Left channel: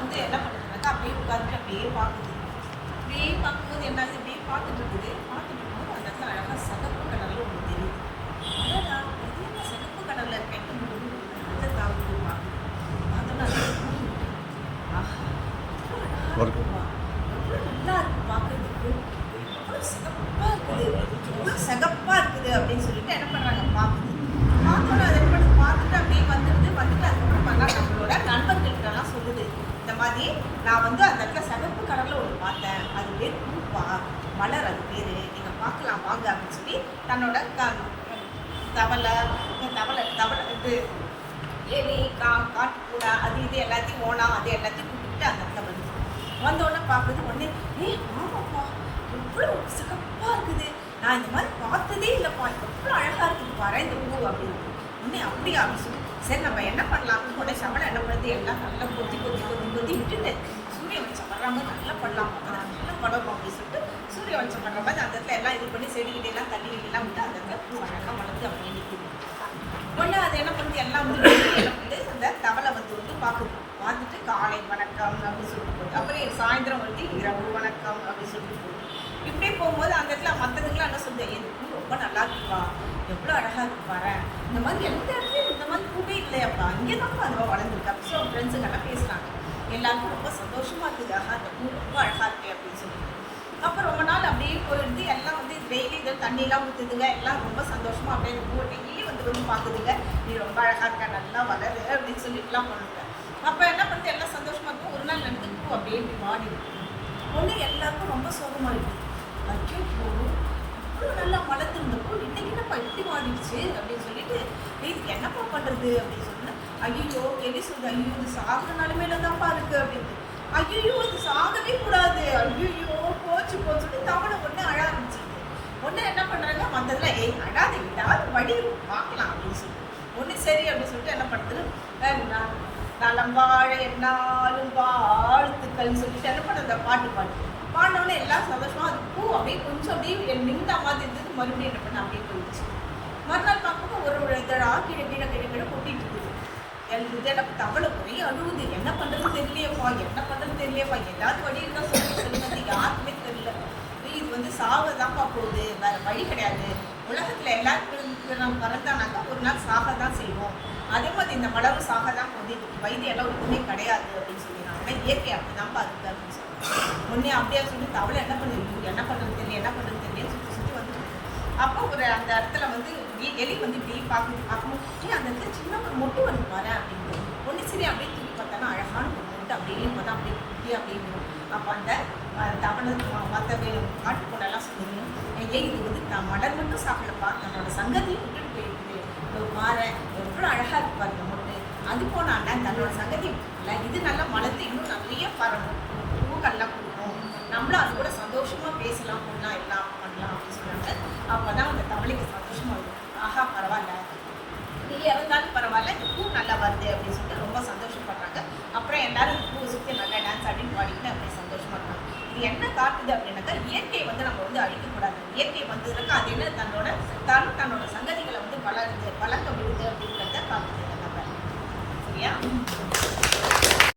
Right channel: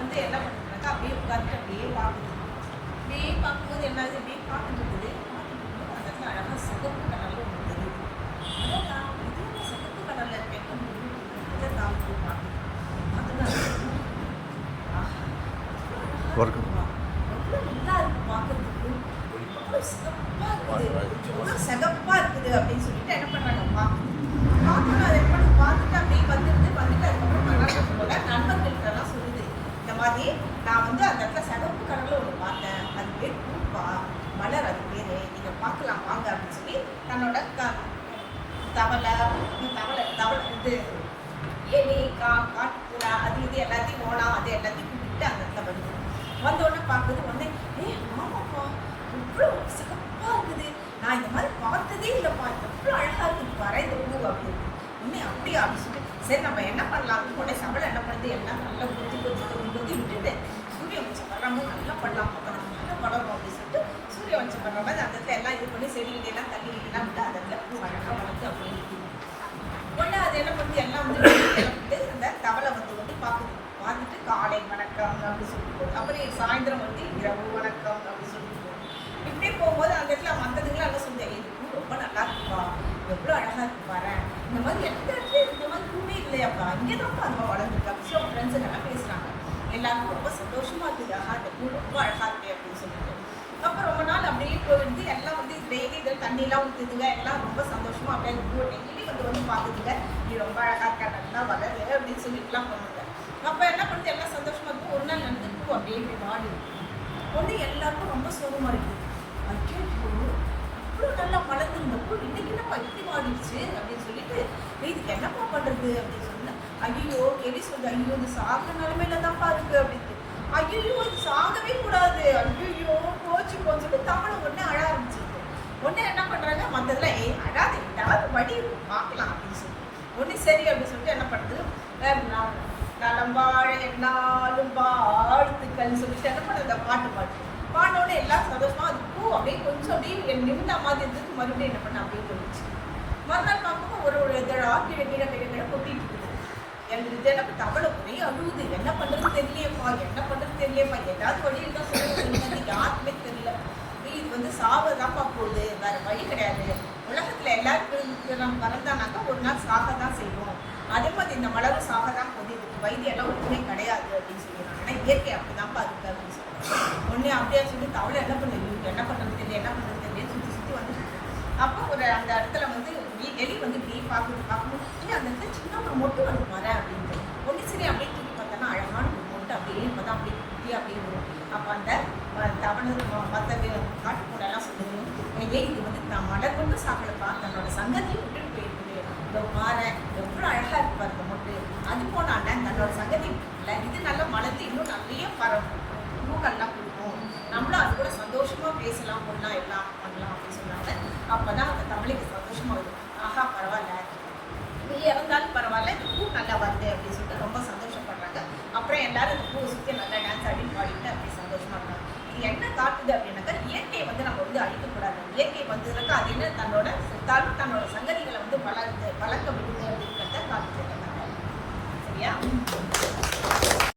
வந்து என்ன பண்ணுதுனாக்கா அப்படியே உட்காந்துட்டு அப்படியே பார்க்குது. அப்படியே பார்க்கும்போது என்ன ஆகுது அப்படியே பார்த்துட்டு இருக்குது. பார்த்துட்டு இருக்கும்போது அந்த இடத்துல அழகாக சிகப்பு கலரில் ஒன்று தெரியுது. அடடா இது என்ன சிகப்பு கலரில் கேட்கும் அந்த தாவுக்கு பார்க்குது. பார்த்தோன்னா அது ஆஹா எவ்வளோ நல்லா இருக்கு பார்க்கறதுக்கு. எவ்வளோ சிகப்பாக இருக்குது. எவ்வளோ சிகப்பாக இருக்குது அப்படின்னு சொல்லிட்டு என்ன பண்ணுறாங்க பார்க்குது பார்த்தோன்னே அதை என்ன பண்ணுது? பார்த்துட்டு அப்படியே வந்துடுது. வந்துட்டு அதுக்கப்புறம் மறுநாள் நம்மளோட நண்பர்கள்ட்டெல்லாம் சொல்லுது இந்த மாதிரி நான் வந்து அந்த இடத்துல சிகப்பு கலரில் ஒன்று பார்த்தேன். அது பேர் பூப்பா. மலர் அது பேர். நீங்கள் பார்க்கலாம் வாங்க அப்படின்னு சொல்லி தன்னோட க தவளை தவளை தவளை இது எலி கா காட்டுக்கூடா அது இது எல்லாத்தையும் ஓணம் அது எல்லாத்தையும் கூப்பிட்டு அந்த இடத்துல வந்து வந்த உடனே பார்க்குது உடனே ஏ ஆமாப்பா எவ்வளோ சிகப்பாக இருக்குது. நான் இந்த மாதிரி பார்த்ததே இல்லைப்பா. எவ்வளோ அழகாக இருக்குது. பாரு இந்த பூ அப்படின்னு. உடனே அப்படியா அப்படின்னு சொல்லிட்டு சரி நம்ம என்ன பண்ணலாம் உடனே சவளை என்ன பண்ணுது எல்லாம் நல்லா கொத்தி கொத்தி கொத்தி கொத்தி விட்டுட்டு சூரிய வெளிச்சம் வர்ற மாதிரி நல்லா பண்ணலாம். அப்போ தான் நல்லா வளரும் அப்படின்னு சொல்லிட்டு சூரிய வெளிச்சம் வர்ற மாதிரி அந்த இடத்துல எல்லாம் இது பண்ணி செடிகிட்ட எல்லாம் தள்ளிக்கிட்டு எல்லாம் விட்டு அந்த இடத்துல பூ அழகாக வளர்ந்து அப்படியே நிற்கிது. உடனே அது என்ன பண்ணுது எல்லாம் வந்து வெளியே என்ன பண்ணுது அந்த தவளை வந்து வந்து பார்க்குது. பார்த்துட்டு காலை வணக்கம் அப்படின்னு சொல்லிட்டு போகுது. அப்புறம் சாயந்தரம் வந்து இரவு வணக்கம் அப்படின்னு சொல்லிட்டு போகுது. இப்படியே போகும்போது அந்த இடத்துல மற்றதுங்களாம் என்ன சொல்லுது? "ஏய், பூ ரொம்ப நல்லா இருக்குப்பா. எவ்வளோ அழகாக இருக்கு பாரு. இந்த மாதிரி எந்த இடத்துலையும் இந்த மாதிரி பூவே இல்லையாப்பா இங்கே தான்ப்பா அதுவா வளர்ந்துருக்கு. அப்படின்னு சொல்லி ஃப்ரெண்ட்ஸுங்கெல்லாம் பேசுகிறாங்க எல்லாருக்கும் ரொம்ப சந்தோஷமாக இருக்குது. ஆஹா இந்த பூ ரொம்ப அழகாக இருக்கு அப்படின்னு சொல்லிட்டு. அப்போ ரொம்ப நாள் அப்படியே போயிடுது. எல்லாம் வந்து டெய்லி இதில் தண்ணியெல்லாம் ஊற்றுதுங்க எல்லாம் ரொம்ப சந்தோஷமாக அப்படியே அந்த பூவை டெய்லி வந்து வந்து பார்க்குதுங்க. நீ ரொம்ப அழகாக இருக்க நல்லா வளரு அப்படின்னு சொல்லிட்டுலாம் பண்ணுங்க அப்போ என்ன பண்ணுறது எல்லாம் சந்தோஷமாக இருக்கும். ஒரு நாள் நடந்து பூ அப்படியே இப்படி வாடி ஒன்று எல்லாருக்கும் ரொம்ப சோகமாக இருக்குது. ஐயோ இவ்வளோ நல்லா வளர்ந்துருந்த பூ இன்னைக்கு என்னப்பா இப்படி மாடிடுச்சு அப்படின்னு சொல்லிட்டு "ஏய், என்னப்பா பண்ணுறது அப்படின்னு சொன்னேன். ஐயோ எலி சொல்லுது ஐயோ இது சாகுற நிலைமையில தான்ப்பா இருக்கு அப்படின்ட்டு. ஐயோ இது சாகவே கூடாது. ஐயோ போச்சு போச்சு சொல்லி தவளை அழ ஆரம்பிச்சிருது. ஒன்று என்ன பண்ணுறாங்க மற்றதுல ஏய் அழாத ஏதாவது வழி பார்க்கலாம் அப்படின்னு சொல்லிட்டு ஒன்று சரி அப்படின்னு சொல்லிட்டு என்ன பண்ணுறது நான் நலம் வாழ என்னாலும் வாழ்த்துக்கள் சொல்லிட்டு என்ன பண்ணுறது பாட்டு பாட்டு. பாடினோடனே எல்லாம் சந்தோஷமாக அது பூ அப்படியே கொஞ்சம் அப்படியே நிமிந்தா மாதிரி இருந்தது. மறுபடியும் என்ன பண்ண அப்படியே போயிடுச்சு. மறுநாள் பார்க்கும்போது ஒரு ஒரு இதழா கீழே கீழே கீழே கீழே கொட்டிட்டு இருக்குது. எனக்கு தினப்பு தவளை ஒரே அழுகுது என்ன பண்ணுறது தெரியலையப்பா. என்ன பண்ணுறது தெரியலையப்பா. ஏதாவது வழி இருந்தால் சொல்லுங்க. சொல்லுங்க. யாருக்குமே தெரியல. இது வந்து சாவதான்ப்பா போகுது. வேற வழி கிடையாது. உலகத்தில் எல்லாருக்கும் நம்ம பிறந்தானாக்கா ஒரு நாள் சாக தான் செய்வோம். அதே மாதிரி இந்த மலரும் சாக தான் போகுது இதுக்கு வைத்தியெல்லாம் ஒன்றுமே கிடையாது அப்படின்னு சொல்லிடுறாங்க. ஏன்னா இயற்கை அப்படிதான்ப்பா இருக்கு அப்படின்னு சொல்லுவாங்க ஒன்றே அப்படியே சொல்லி தவளை என்ன பண்ணுது? என்ன பண்ணுறது தெரியல என்ன பண்ணுறது தெரியல சுற்றி சுற்றி வந்துட்டு அப்போ ஒரு அந்த இடத்துல வந்து எலி வந்து இப்படி பார்க்குது பார்க்கும்போது அந்த இடத்துல சின்ன ஒரு மொட்டு வந்து பாரு அப்படின்னு ஒன்று சரி அப்படியே தூக்கி பார்த்தோன்னா அழகான ஒரு அப்படியே பார்த்தா அப்படியே குட்டி அப்படியே வரும். அப்போ அந்த தமிழ் மற்ற காட்டுக்குள்ளெல்லாம் சொல்லுது. ஏன் இது வந்து நான் மலர் மட்டும் சாப்பிடப்பா தன்னோட சங்கதியும் விட்டுட்டு போயிருக்குது. இந்த மாற எவ்வளோ அழகாக இருக்கு பாரு இந்த மொட்டு. அது போனாண்ட தன்னோட சங்கதி இல்லை இது நல்லா மலர்ந்து இன்னும் நிறைய பரவும் பூக்கள்லாம் கொடுக்கும். நம்மளும் அது கூட சந்தோஷமாக பேசலாம் கொள்ளலாம் எல்லாம் பண்ணலாம் அப்படின்னு சொன்னாங்க அப்பதான் அந்த தமிழுக்கு சந்தோஷமாக இருக்கும் ஆஹா பரவாயில்ல. இறந்தாலும் பரவாயில்ல இந்த பூ நல்லா வருது அப்படின்னு சொல்லிட்டு ரொம்ப சந்தோஷப்படுறாங்க. அப்புறம் எல்லாரும் இந்த பூவை சுற்றி நல்லா டான்ஸ் ஆடின்னு பாடிட்டு அப்படியே சந்தோஷமாக இருக்காங்க. இது என்ன காட்டுது அப்படின்னாக்கா இயற்கையை வந்து நம்ம வந்து அழிக்கக்கூடாது. இயற்கை வந்ததுனாக்கா அது என்ன தன்னோட செத்தாலும் தன்னோட சங்கதிகளை வந்து வளருது வளர்க்க விடுது அப்படின்றத காட்டுது இந்த கதை சரியா?